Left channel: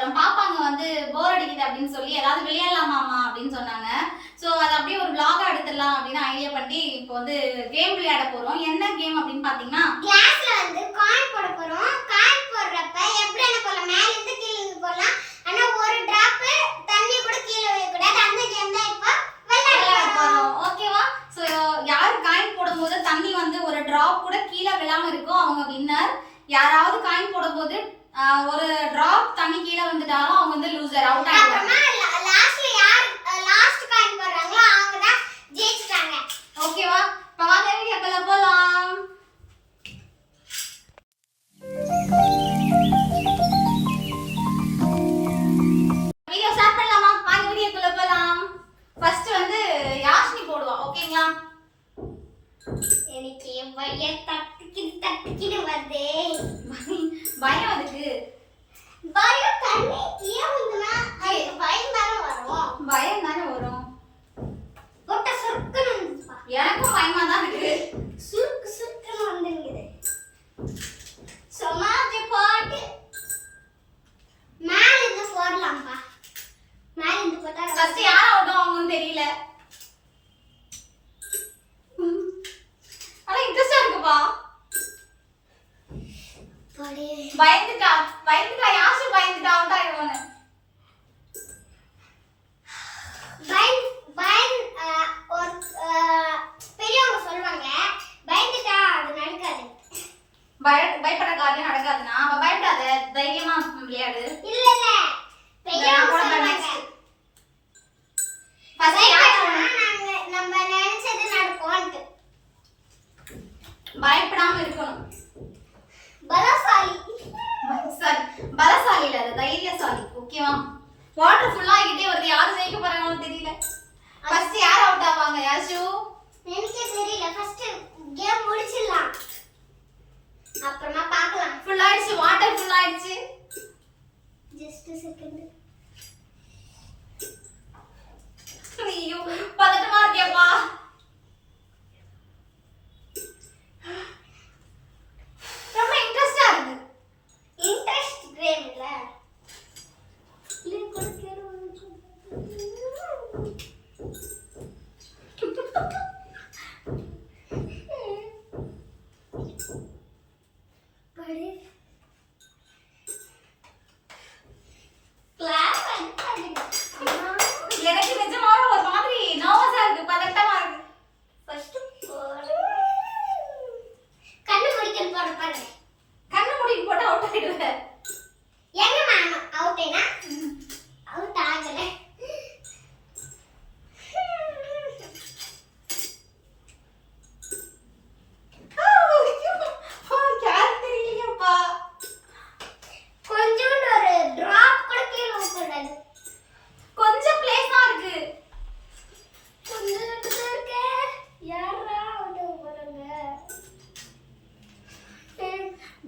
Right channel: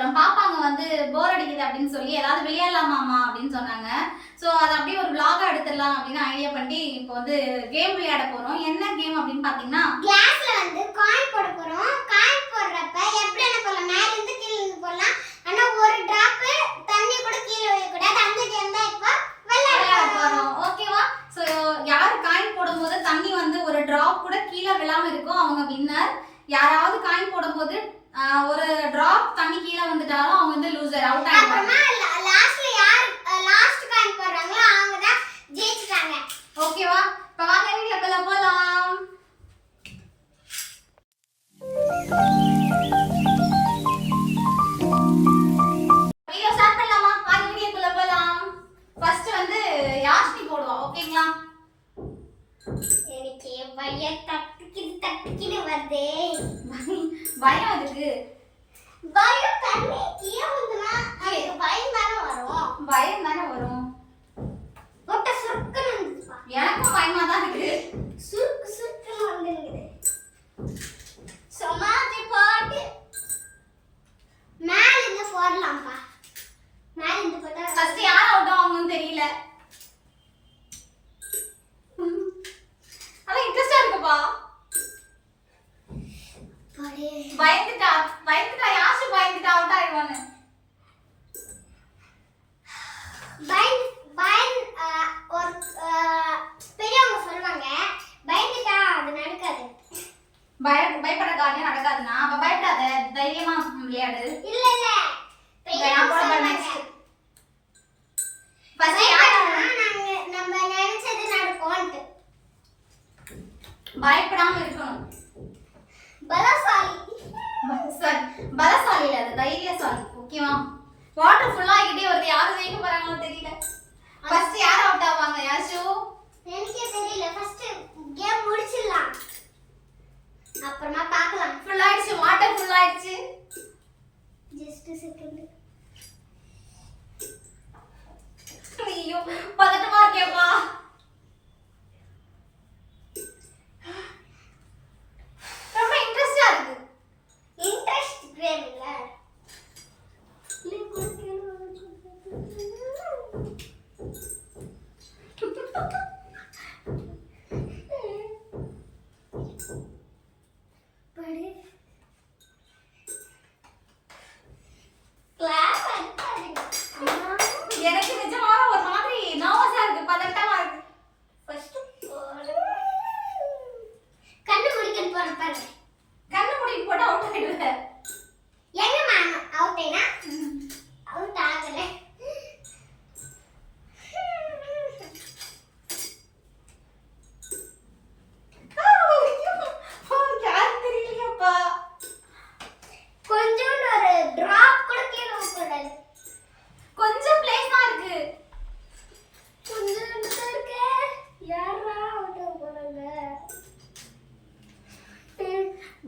அப்புறம் பாப்பாங்க வந்து போர் அடிக்குது அப்படின்னு சொல்லி ஏதாவது விளையாடலாமாமா அப்படின்னு சொன்னாங்க. ஸோ அதை அப்படியே ஒரு விளாகா எடுத்துடலாம் அப்படின்னு ஐடியா பண்ணி இப்போ வந்து கேம் விளையாட போகிறோம் என்ன கேம் அப்படின்னு பார்த்தீங்கன்னா கிளாஸ்ல வந்து காயின் போட போகிறோம்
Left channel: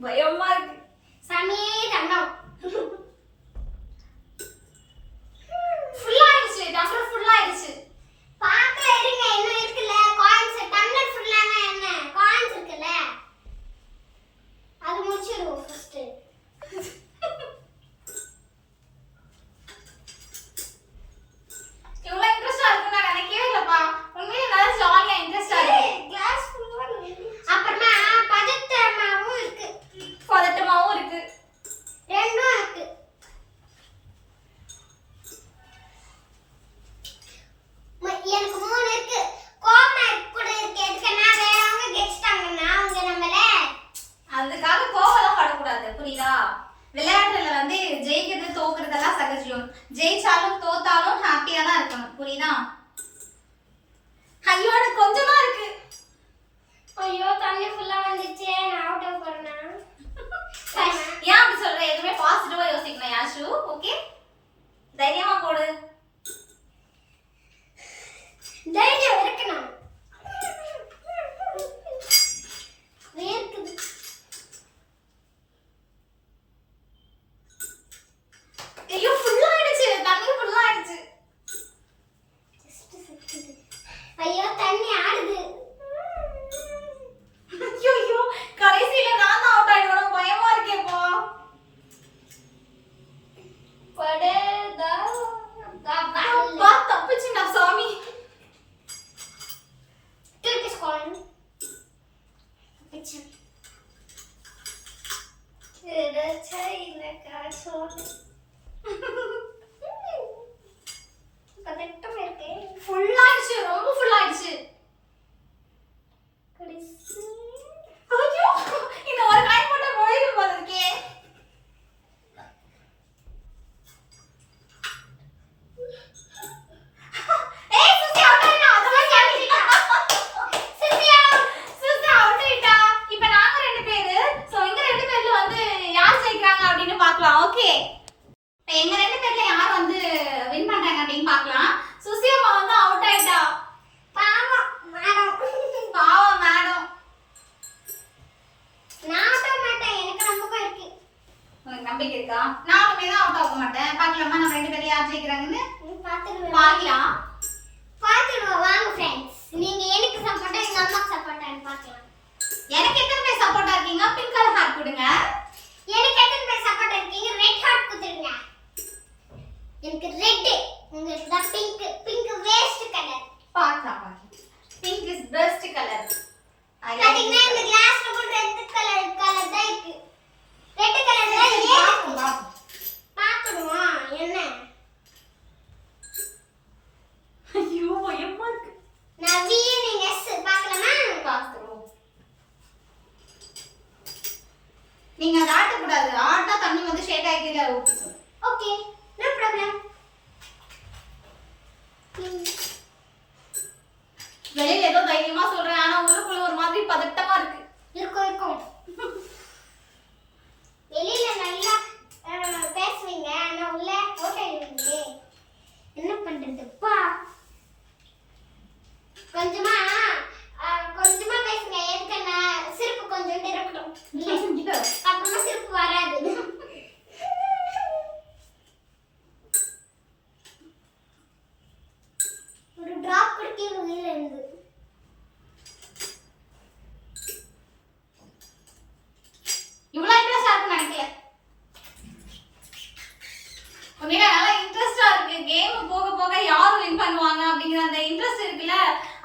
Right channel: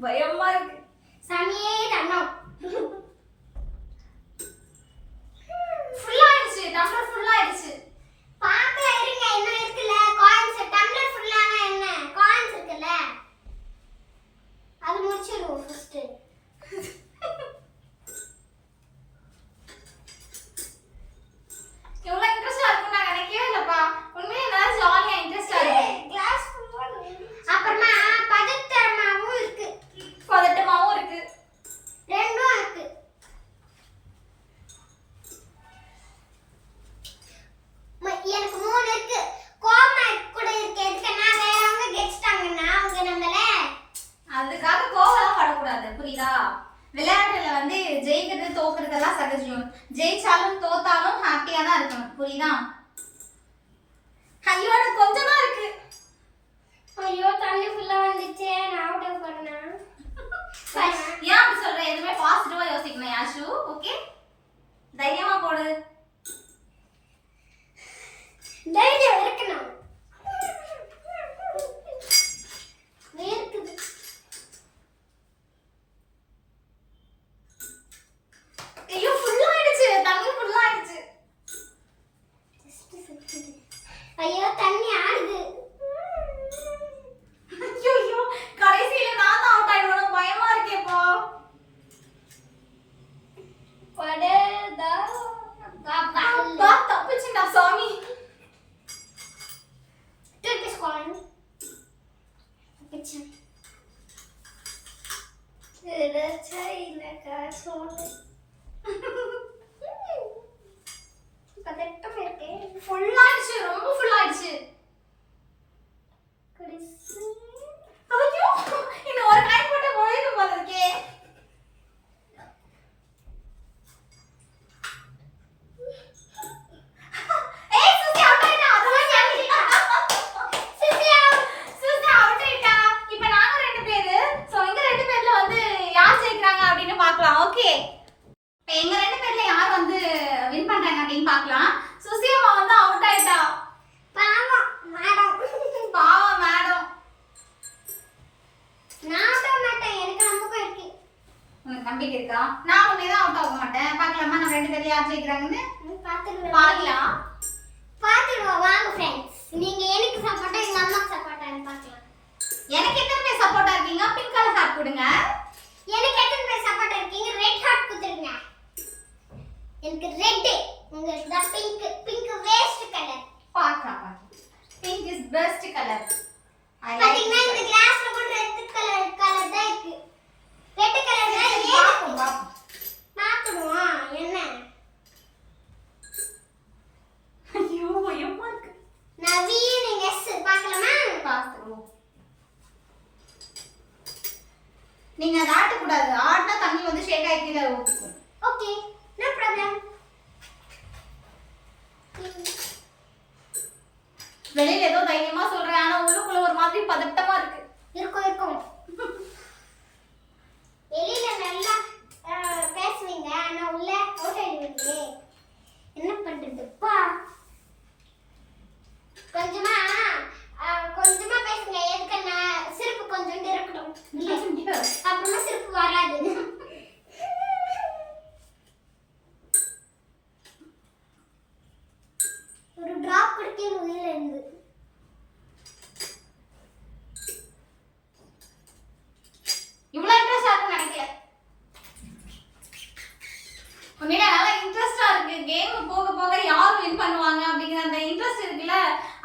பயமா இருக்கு சாமியே தண்ணம் பார்க்கலாம். ஓகே எங்க ரெண்டு பேர்ல யார் வந்து வின் பண்றாங்க அப்படின்னு பார்க்கலாம். சுசி அம்மா வந்து அவுட் ஆயிட்டா? பாவம் மேடம் பாவம் மேடம் நான் விட மாட்டேன். எனக்கு நம்பிக்கை இருக்கு. உனக்கு நம்பிக்கை இருக்கா? நானுமே தான் அவுட் ஆக மாட்டேன். பார்க்கலாமா? நம்ம ரெண்டு பேரும் யார் ஜெயிக்கிறாங்கன்னு? பாத்துடுவேன் பார்க்கலாம். பாத்துடுவோம் வாங்க ஃப்ரெண்ட்ஸ் நீங்க எனக்கு சப்போர்ட்டா எங்க அம்மாக்கு சப்போர்ட்டான்னு பார்க்கலாம். எனக்கு எத்தனை பேர் சப்போர்ட்டா இருக்கீங்க? பிங்க் கலர் ஹார்ட் கொடுங்க எனக்கு எத்தனை பேர் சப்போர்ட் இருக்கீங்க ரெட் ஹார்ட் குத்துருங்க எனக்கு ரெட் உங்களுக்கு தான் பிங்க் பிங்க் வேஸ்ட் கலர் பார்க்கலாம் பார்க்கலாம் பிங்க் இஸ் பெஸ்ட் கலர் பாத்தீங்கன்னா இந்த கிளாஸ்ல கூட ரெட் கலர் கலர் தான் இருக்கு ரெட் கலர் தான் ஏன் பாத்துடுவோம் என்ன ஐயோ பயமா இருக்கு நவீன் எஸ் பார்க்கலாமா பார்த்துருவோம் நீங்க அதை ஆட்டக்கூடாது. ஆட்டா தண்ணி வந்து ஷேக் ஆகி கீழே ஊற்றிக்கணும் ஓகே நோ ப்ராப்ளம் வெளியில ஏதோ தைரியமா சொல்றேன். ஆனா உள்ளுக்குள்ள ஒரு மாதிரி பதட்டமா இருக்கு. இருக்கும் இருக்கும். வெளியில நல்லா பேசுவீங்க. ஆனா உள்ள ஓட்ட என்ன பண்றதுப்பா?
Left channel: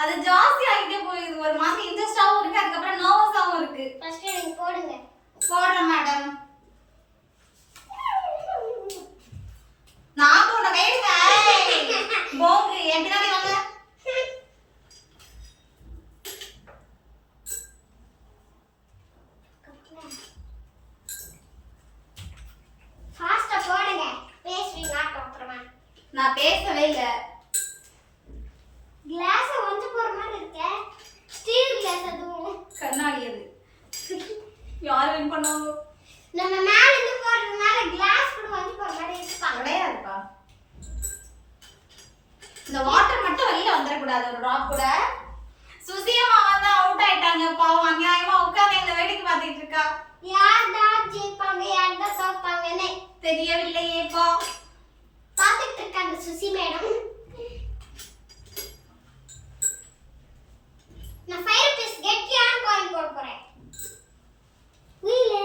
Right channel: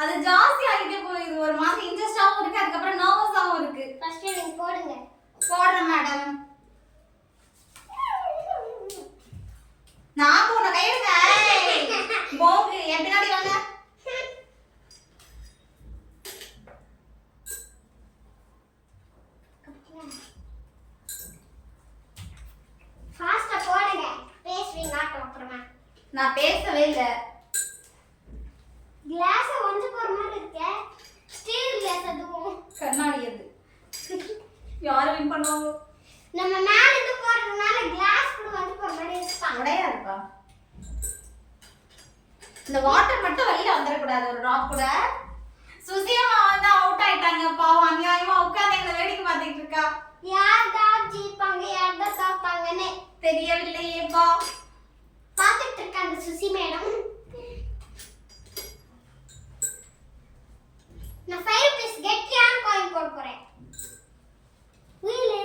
அது ஜாஸ்தி ஆகிட்டே போகுது. ஒரு மாதிரி இன்ட்ரெஸ்டாவும் இருக்கு அதுக்கப்புறம் நர்வஸாவும் இருக்கு. ஃபர்ஸ்ட் நீங்க போடுங்க. போடுறேன் மேடம் நான் உன்னை கையிடுங்க போங்கு என் பின்னாடி வாங்க. நான் பேசவே இல்லை. கிளாஸ் ஒஞ்சு போற மாதிரி இருக்கே. ஸ்டீல் கிளாஸ் அதுவும். கண்ணாடி அது. யார் வின் பண்ணுவாங்க நம்ம மேல இருந்து போடுறதுனால கிளாஸ் கூட வந்து போற மாதிரி இருக்கா? கிடையாதுப்பா. இந்த வாட்டர் மட்டும் வெளியில வந்துடக்கூடாது ஒரு ட்ராப் கூட. சுசியம்மா வந்து அவுட் ஆயிட்டாங்க பாவம் அநியாயமா உட்கார்ந்து எங்களை வேடிக்கை பார்த்துட்டு இருக்கா. யார் தான் ஜெயிப்பாங்க யார் தான் தோப்பாங்கன்னு. தெரியவில்லையேப்பா. பார்த்துட்டு இருக்காங்க சுசி மேடம். நான் ஃபைவ் ருபீஸ் கெட்டியான காயின் போட போறேன் உயிலே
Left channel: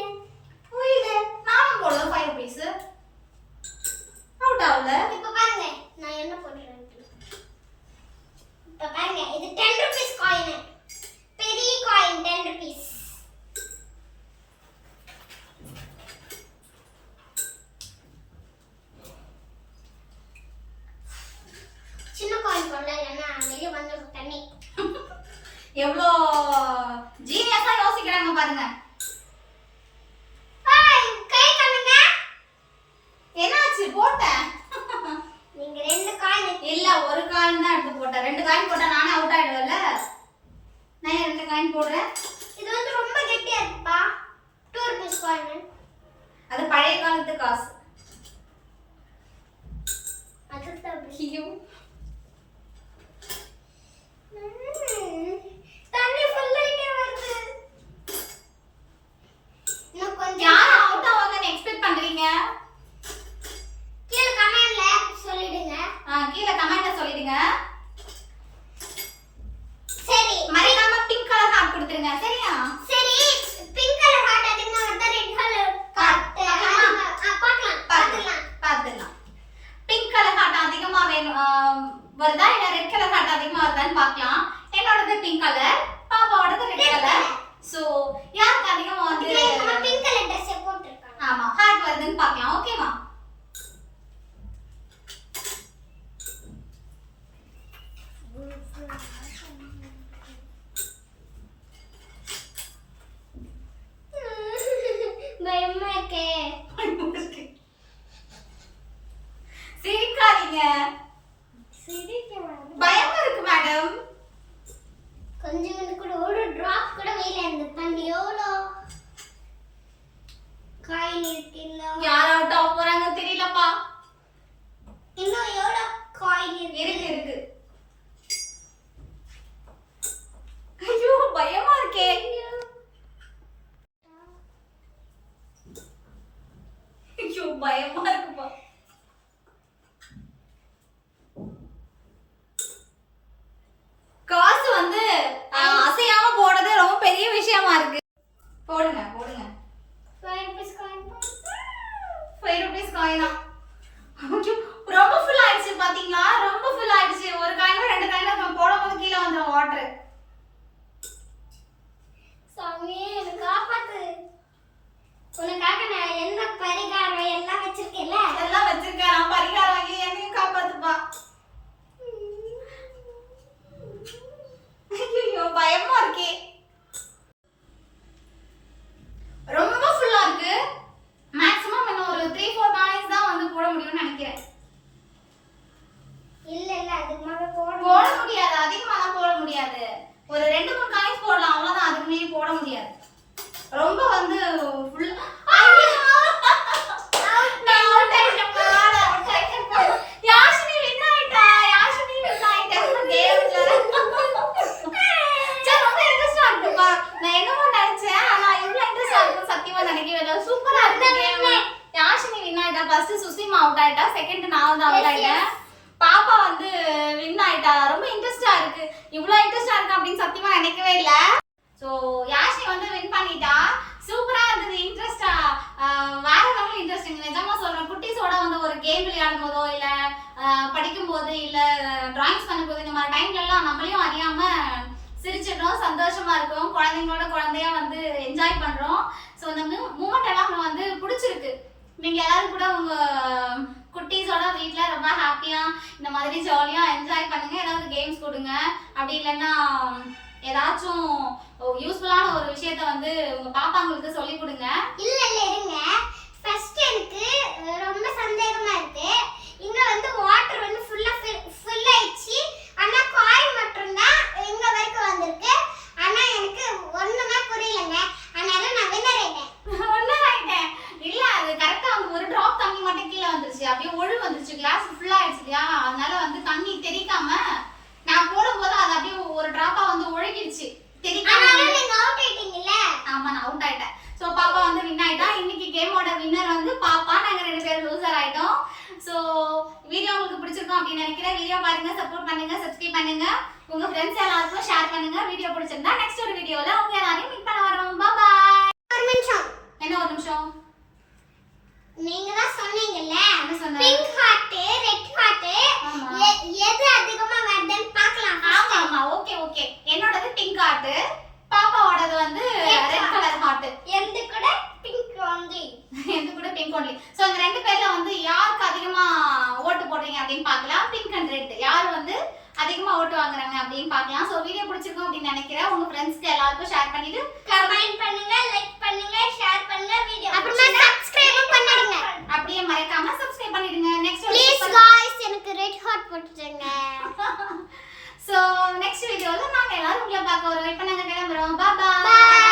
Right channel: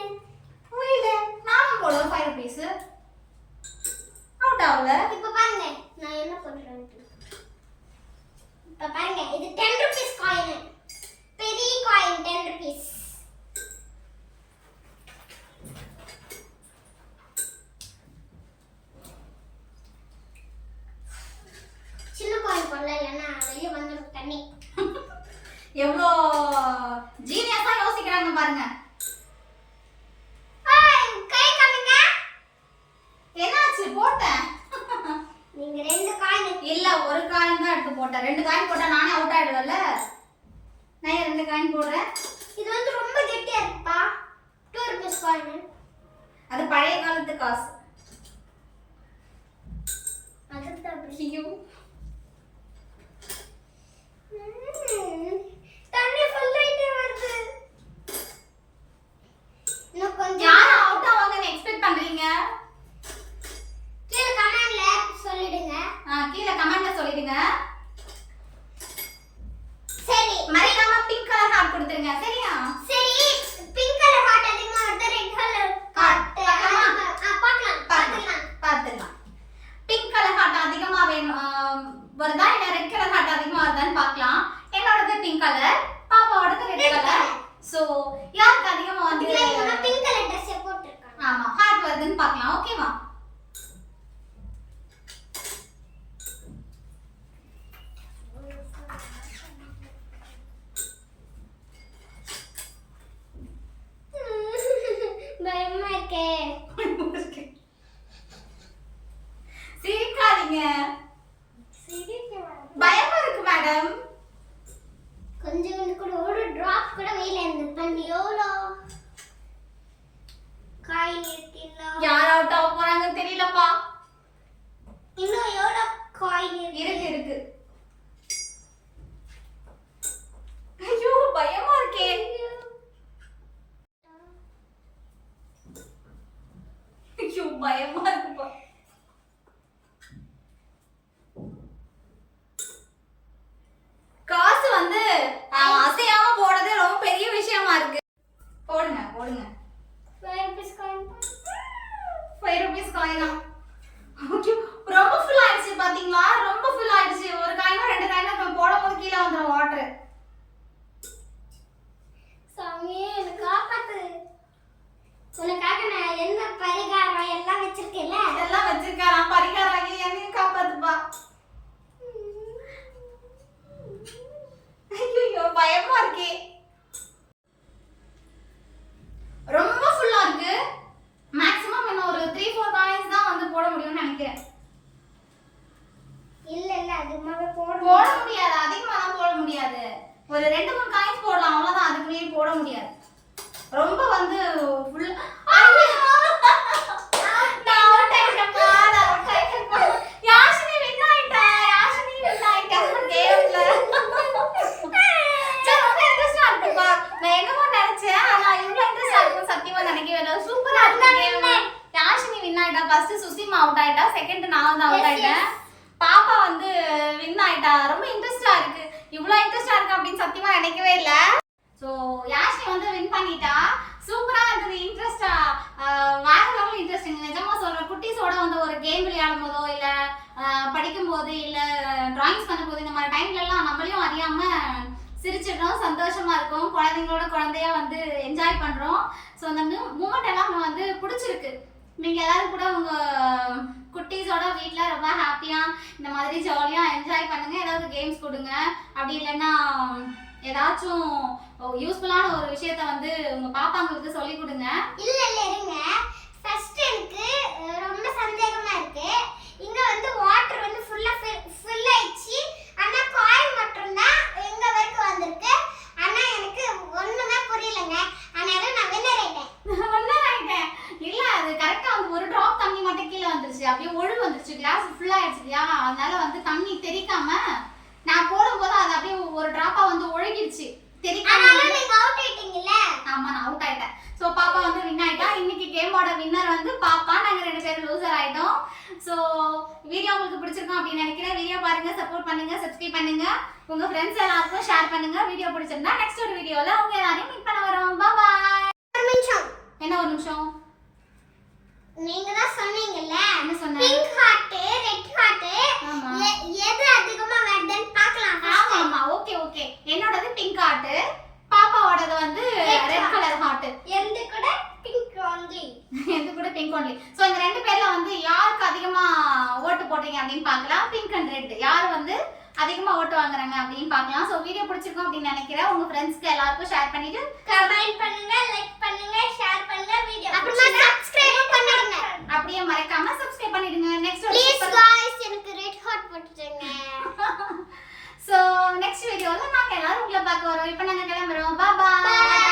புரியல நானும் போடுவேன் ஃபைவ் ருபீஸ் அவுட் ஆகல. இப்ப பாருங்க. நான் என்ன பண்றேன் இப்ப பாருங்க. இது டென் ருபீஸ் காயின் பெரிய காயின் டென் ருபீஸ் ருபீஸ் காயினா ரொம்ப ஃபுல் ஆயிடுச்சு பாத்தீங்களா? ரொம்ப ஃபுல் ஆயிடுச்சு. ஒரு காயினா ரெண்டு காயினா இப்போ போடும்போது கீழே வந்துடும் வாட்டர் சாமி எனக்கு காப்பாத்து. உனக்காக நான் எந்த பரிகாரம் எல்லாம் வச்சிருக்கேன்ல? இதெல்லாம் வச்சிருக்கேன். பரிகாரம் வாங்கி என்னையும் காப்பாத்துப்பா. ஐயோ பயமா இருக்கே. ஆயிட்டா. Second நான் வந்து out ஆயிட்டேன். பாப்பா வந்து வின் ஆயிட்டா. ரொம்ப இன்ட்ரெஸ்டா இருக்கு. இவ்வளோ இன்ட்ரெஸ்டா இருக்கு அப்படின்னு சத்தியமா நினைக்கவே இல்ல. ஸோ யாஷினி வந்து வின் பண்ணிட்டா. சூப்பரா இருந்தது இன்ட்ரெஸ்டா வேற லெவல் இன்ட்ரெஸ்டிங் நிஜமா சொல்றேன் குட்டீஸோட வந்து ஒரு கேம் விளையாடும் போதோ இல்ல படிக்கும் போது இல்ல டிராயிங்ஸ் பண்ணும் போது இந்த மாதிரி டைம்ல எல்லாம் நம்மளையும் அறியாம சிரிச்சிடுறோம். சந்தோஷமா இருக்கும். குழந்தைங்களோட குழந்தையா வந்து என்ஜாய் பண்றோம். ஸோ அந்த மூமெண்ட் எல்லாம் வந்து பிடிச்சிருக்கு. நீங்க எல்லாரும் கூட உங்க குட்டீஸோட வீட்டில் ரொம்ப ஹாப்பியாக இந்த மாதிரி ஜாலியாக என்ஜாய் பண்ணுங்க. ஏதாவது கேம்ஸ் கொடுங்க. அப்படி இல்லைன்னா ஏதாச்சும் யூஸ்ஃபுல்லான ஒரு விஷயத்த வந்து உங்க பாப்பாங்களுக்கு சொல்லி கொடுங்க. இல்ல இல்ல இருங்க. ஃபர்ஸ்ட் எனக்கு ரொம்ப சந்தேகம் இருக்கு இங்க வந்து வாட்டர் வந்து ஃபுல்லா ஃபில் ஆயிடுச்சு ஆனா காயின் மட்டும் தான் எங்க வரைக்கும் வந்திருக்கு ஆனா எனக்கு ஒண்ணுமே புரியலங்க அதனால நான் வின்னர் ஆயிட்டேன் ஒன்னும் ஆயிட்டேன் இல்ல அது கரெக்டா வந்து ஒரு டிராப் தண்ணி மட்டும் கீழே வந்துருச்சு அப்படியே ஒழு வந்துருச்சு கிளாஸ் ஃபுல் ஆயிடுச்சு இல்லையா அதனால வந்து தண்ணி தெறிக்காம நான் போடும்போது அது அப்படியே ஒரு டிராப்பா வந்து ஒழுகிடுச்சு தெறிக்காம ஆனாலும் நீங்க அவுட் ஆயிட்டீங்கல்ல ஆமா நான் அவுட் ஆயிட்டேன் சோ பாப்பா வந்து வின் ஆயிட்டா இன்னைக்கு கேமோட வின்னர் வந்து பாப்பா நாங்க ரெண்டு பேரும் லூசர் ஆயிட்டோம் சோ வீடியோ உங்களுக்கு பிடிச்சிருக்கும் அப்படின்னு நினைக்கிறேன். வீடியோ பாருங்க சப்போர்ட் பண்ணுங்க சப்ஸ்கிரைப் பண்ணுங்க. உங்க ஃப்ரெண்ட்ஸ் எல்லாருக்கும் ஷேர் பண்ணுங்க. வீடியோ பிடிச்சிருந்தா நெக்ஸ்ட் ஒரு வீடியோல உங்க எல்லாரையும் மீட் பண்ண வரோம். பாய் ஒரு நிமிஷம். என்ன ஒரு நிமிஷம்? நீங்க தான் சொன்னீங்கல்ல? என்ன சொன்ன பிங்க் ஹார்ட் ரெட் ஹார்ட் எது அதிகமா வருதுன்னு பார்க்கலாம் ஆமா. ஆமா. ஓகே ஓகே என்னோடது பிங்க் ஹார்ட் பாப்பாவோடது வந்து ரெட். கலர் ஹார்ட் எந்த கூட? பிங்க் ஒன்லி இது கூட பிங்க் ஒன்லி ஸோ இந்த ரெண்டு பேர்ல வந்து யாருக்கு அதிகமா ஓட்டு போடுறீங்க அப்படின்னு பார்க்கலாம் பிங்க் அண்ட் ரெட் யார் வந்து அதிகமா ஓட்டு வாங்குறாங்க அப்படின்னு பார்க்கலாம் ஸோ வீடியோ பிடிச்சிருக்கும் அப்படின்னு நினைக்கிறேன் உங்க ஃப்ரெண்ட்ஸ்க்கு எல்லாருக்கும் ஷேர் பண்ணிட்டு கமெண்ட் பண்ணுங்க லைக் பண்ணுங்க ஷேர் பண்ணுங்க வீடியோ அப்புறமா சப்ஸ்கிரைப் பண்ணிடுங்க அப்படியே மறக்காம சப்ஸ்கிரைப் பண்ணிடுங்க நெக்ஸ்ட் ப்ளீஸ் गाइस எனக்கு ரெட் ஹார்ட் போட்டுருங்க ஸோ நெக்ஸ்ட் வீடியோவில் நாங்கள் எல்லாரும் உங்களை பார்க்க வரோம் இப்போ